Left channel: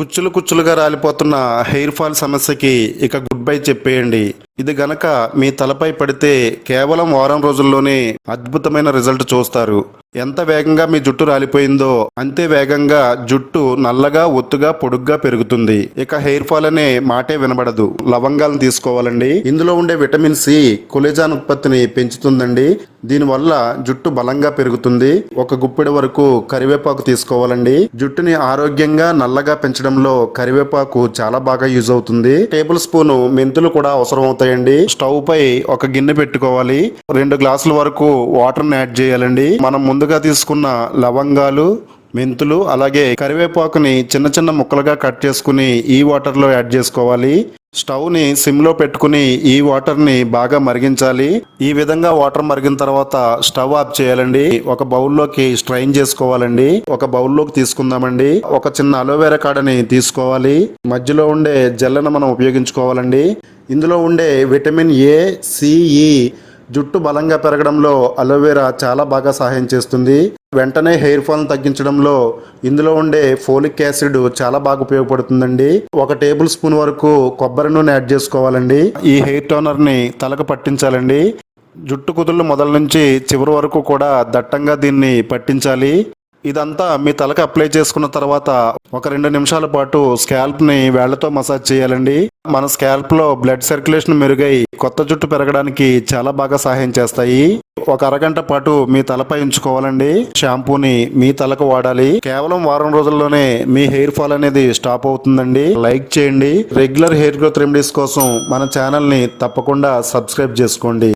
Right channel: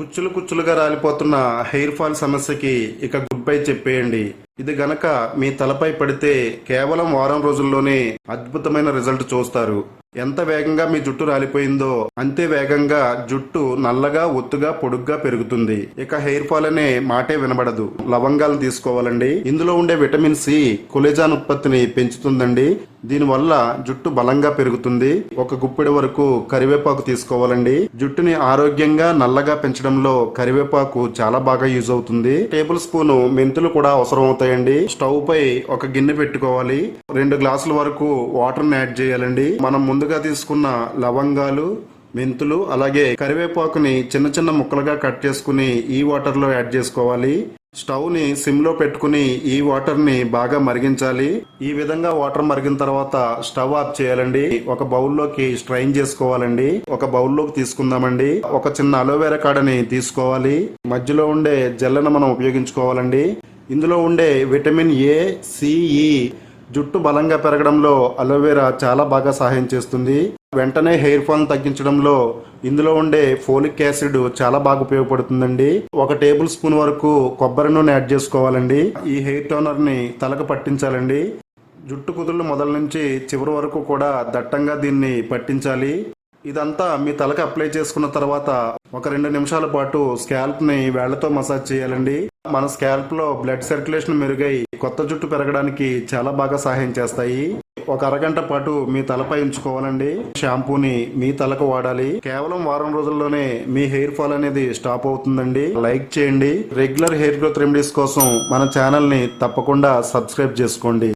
కుచ్చులు కుచ్చులుగా రాలిపోతున్న hair fall సమస్యకి ఇక గుడ్ బై చెప్పేయండి. ఇది గనక మీ తలపై పడితే కేవలం వారం రోజుల్లోనే అద్భుతమైన రిజల్ట్ చూస్తారు. ఎంత వేగంగా మీ జుట్టు రాలిపోయిందో అంతే వేగంగా జుట్టు నల్లగా ఒత్తుగా పొడుగ్గా పెరుగుతుంది. ఇక హెయిర్ ఫాల్ అనే మాటే వినబడదు. లవంగాలను తీసుకోవాలండి. ఇందులో ఉండే విటమిన్ సి కొలెజాన్ ఉత్పత్తిని పెంచుతుందండి. దీనివల్ల జుట్టు బలంగా పెరుగుతుంది. ఒక గుప్పెడు వరకు కరివేపాకు తీసుకోవాలండి. జుట్టుని ఆరోగ్యంగా నల్లగా పెంచడంలో కరివేపాకు చాలా బాగా యూజ్ అవుతుంది. టేబుల్ స్పూన్ మెంతులు కూడా అవసరం అవుతాయండి. స్టవ్ పై ఒక గిన్నె పెట్టుకోవాలి. 2 గ్లాసుల వరకు వాటర్ ని యాడ్ చేయాలండి. మనం ముందుగా తీసుకున్న లవంగాలు, మెంతులు అలాగే కరివేపాకుని చిన్న చిన్న ముక్కలుగా కట్ చేసుకుని ఈ వాటర్ లో యాడ్ చేసుకోవాలి. స్టవ్ ని సిమ్ లో పెట్టుకుని ఈ వాటర్ ని బాగా మరిగించాలి. ఈ విధంగా వాటర్ మరిగిన తర్వాత స్టవ్ ఆఫ్ చేయాలండి. ఒక బౌల్లోకి స్ట్రైన్ చేసుకోవాలండి. ఒక బౌల్లోకి తీసుకుందామండి. ఒక చిన్న అలోవెరా కాడని తీసుకోవాలి. మధ్యలో ఉండే జెల్లను మనం ఉపయోగించుకోవాలండి. ఇందులో ఉండే విటమిన్ ఏ, సిఈ జుట్టు బలంగా పెరగడంలో అలోవెరా చాలా బాగా సహాయం చేస్తుంది. వెంటనే హెయిర్ ఫాల్ తగ్గించడంలో ఇందులో ఉండే ఫోలిక్ యాసిడ్ చాలా బాగా ఉపయోగపడుతుందండి. 1 టేబుల్ స్పూన్ వరకు కొబ్బరి నూనె యాడ్ చేసుకోవాలండి. ఈ హెయిర్ టోనర్ ని తలకు పట్టించాలండి. జుట్టు కుదుళ్ళు మొదల నుంచి చివరి వరకు కూడా దట్టంగా దీన్ని పట్టించాలి. ఇదంతా మీ తలకు అప్లై చేసుకున్న తర్వాత ఒక 2 నిమిషాల పాటు స్కాల్ప్ ని వేళ్లతో మసాజ్ చేయాలండి. మన స్కాల్ప్ లో బ్లడ్ సర్క్యులేషన్ మెరుగై కొత్త జుట్టు పెరగడానికి చాలా బాగా సహాయం చేస్తాయి. ఒక అరగంట పాటు మీ తలపై ఉంచుకోవాలండి. షాంపూని మీ తలకు వాడాలి. కేవలం వారం రోజుల్లోనే మీ హెయిర్ ఫాల్ అనేది స్టాప్ అవుతుందండి. లైక్ చేయండి. రెగ్యులర్ హెయిర్ గ్రోత్ రెమెడీస్ కోసం మన ఛానల్ ని తప్పకుండా సబ్స్క్రైబ్ చేసుకోండి.